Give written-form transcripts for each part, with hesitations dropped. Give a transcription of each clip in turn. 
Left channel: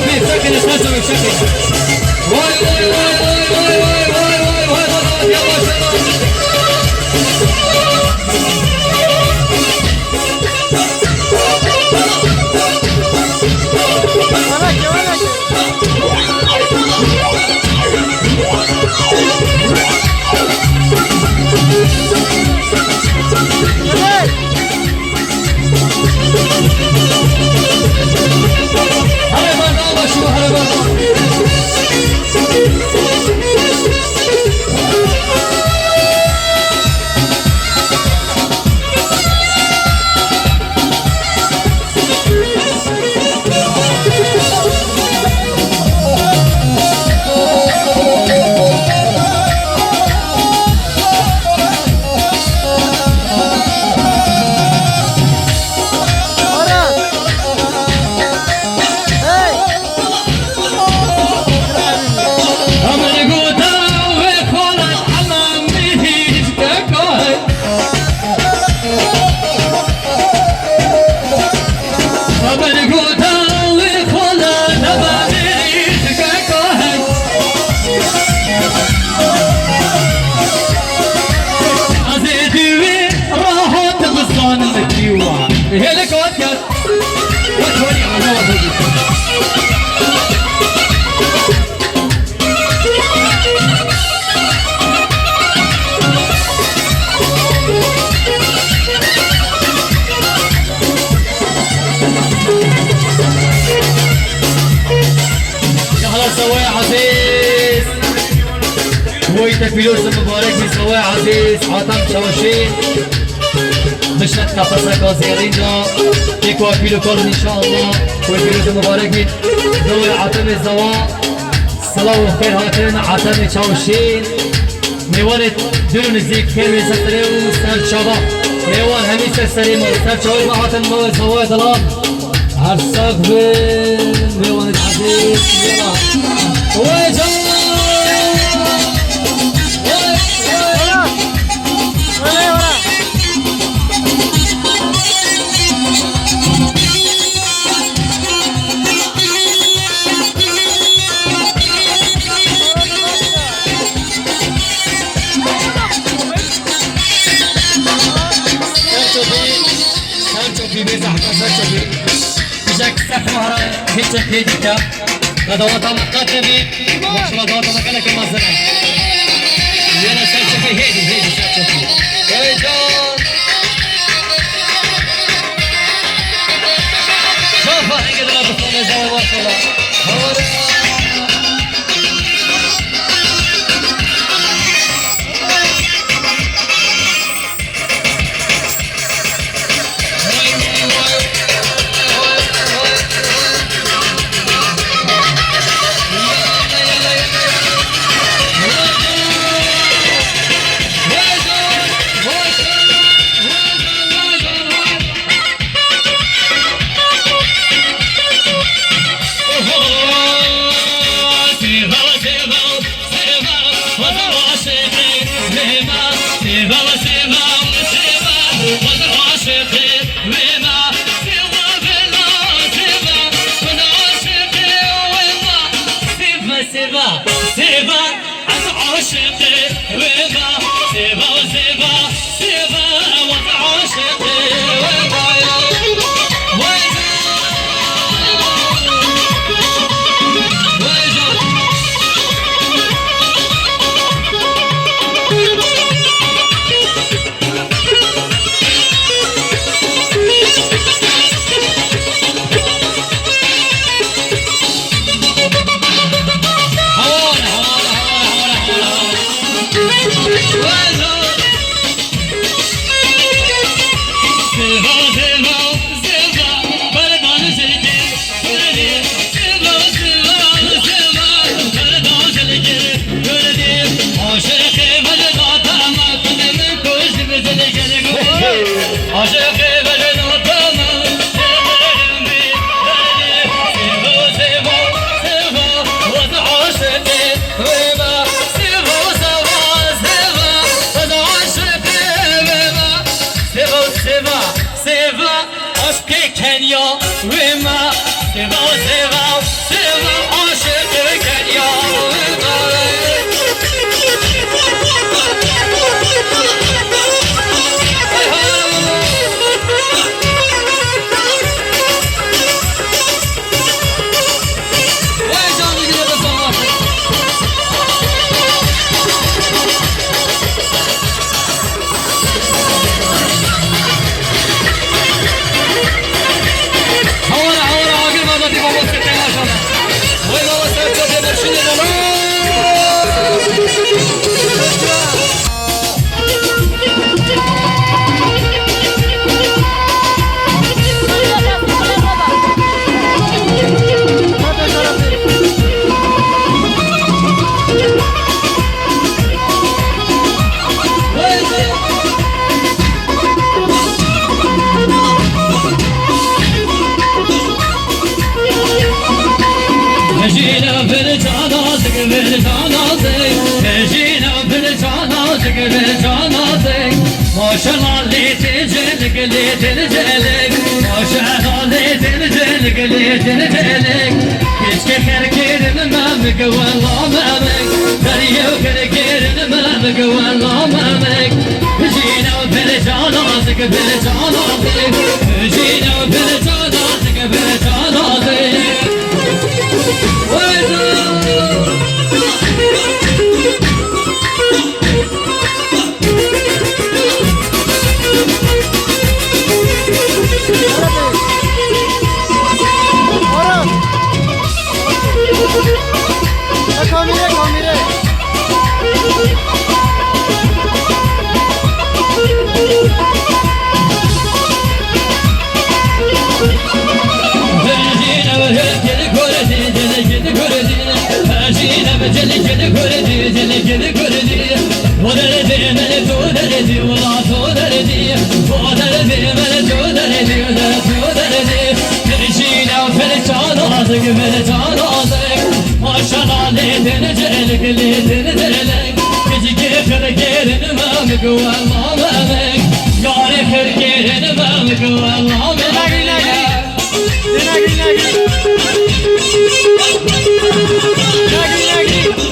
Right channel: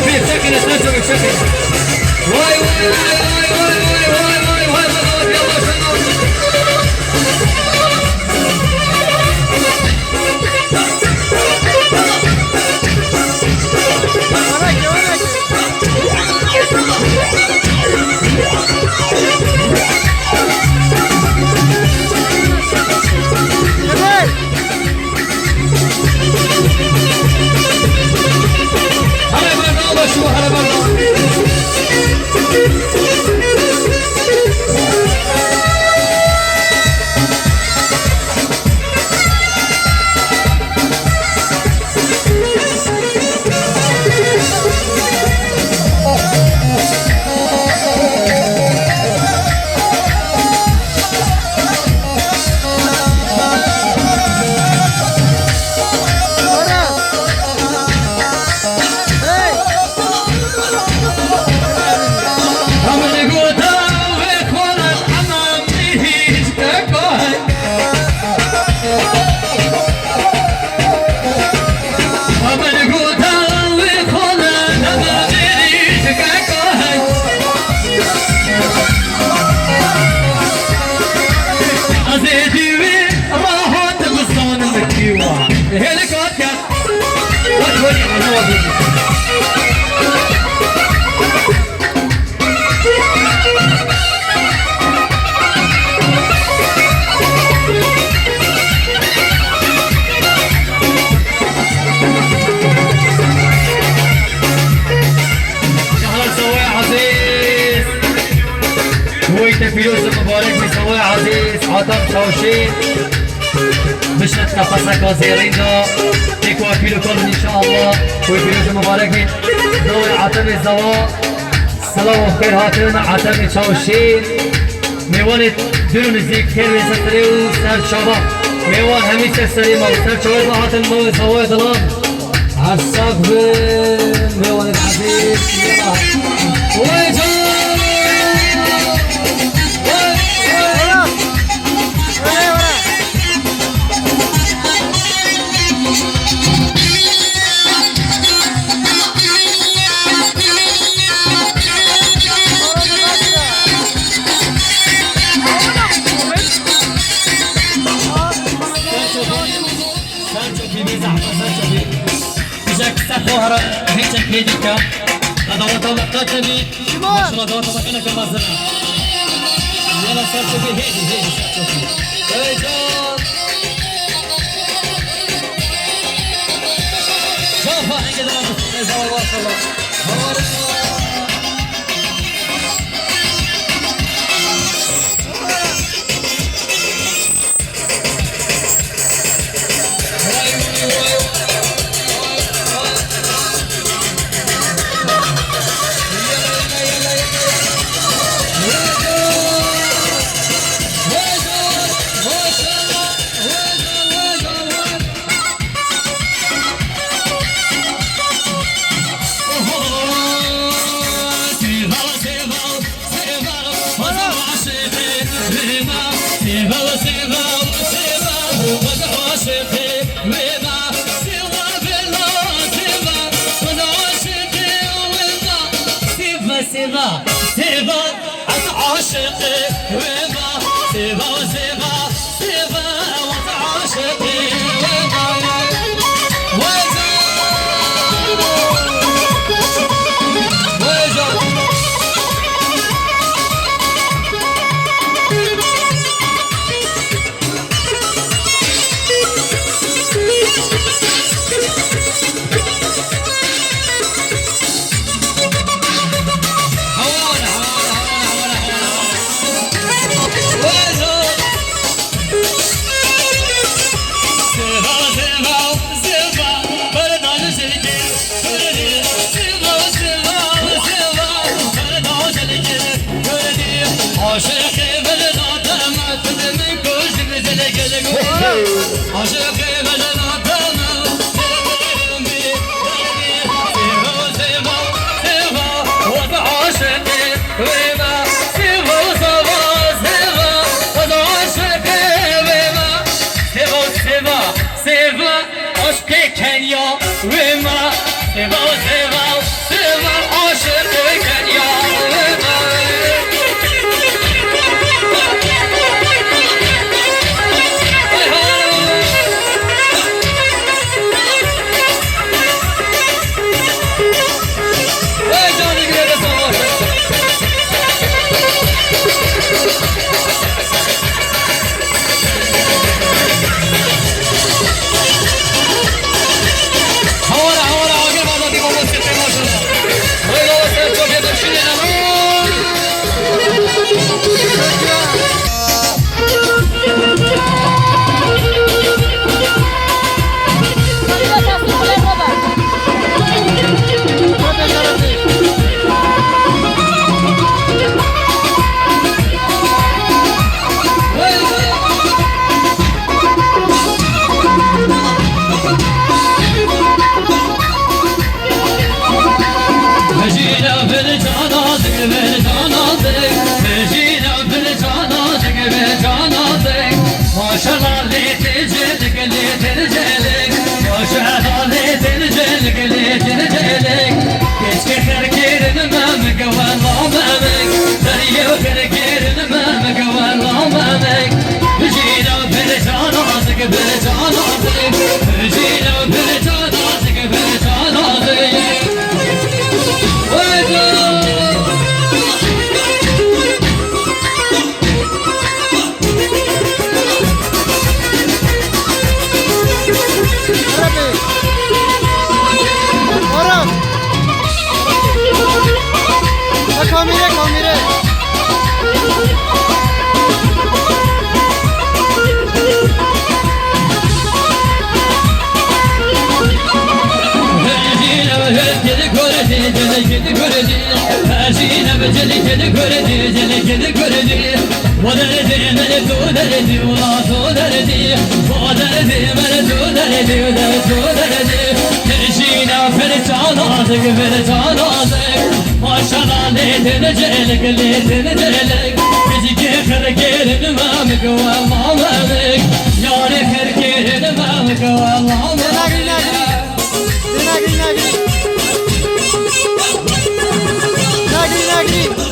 شوفي ساكن اساسا شوفي واي واي واي واي واي واي واي واي يلا هلا بالله شو هلا بالله فيروز المبارك بيسوي عزيز عطم شوشين مش نتنفسك وزيرينا تكوى فيلو كل ان شاء الله وفيروز المبارك بي دول عطم الزواء صلاة وخير هاتن عطم شوشين ميوانت دون الزيك كيمي ستريو سر شباب ميوان همي سرسريما سر شويد ما عطم مو زواء دلان عرصاق بين ميوانت عزيز يلا ويجا هيك هيديكا هذا وطن قتبي مش ما دوت مكانك المزرعة يلا شوفي هيدي شوفي ويجون شوفها هيك انا بصور زوا ما شاء الله مجينا بالجنازك بالجنازك مجينا بالجنازك بالجنازك ما شاء الله ليت الجلك ليت الجلك ما شاء الله ليت الجلك ليت الجلك كيف كركير المامك والله مامك دريو كركير المامك والله مامك مجينا بالجنازك بالجنازك مجينا بالجنازك بالجنازك Kamire kamire. Maşallah leytini celik leytini celik Bizi kırgırın mamik vallahi mamik Yâri kırgırın mamik vallahi mamik Nagri nagri. Nagri nagri. Nagri nagri.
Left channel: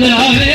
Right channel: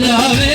love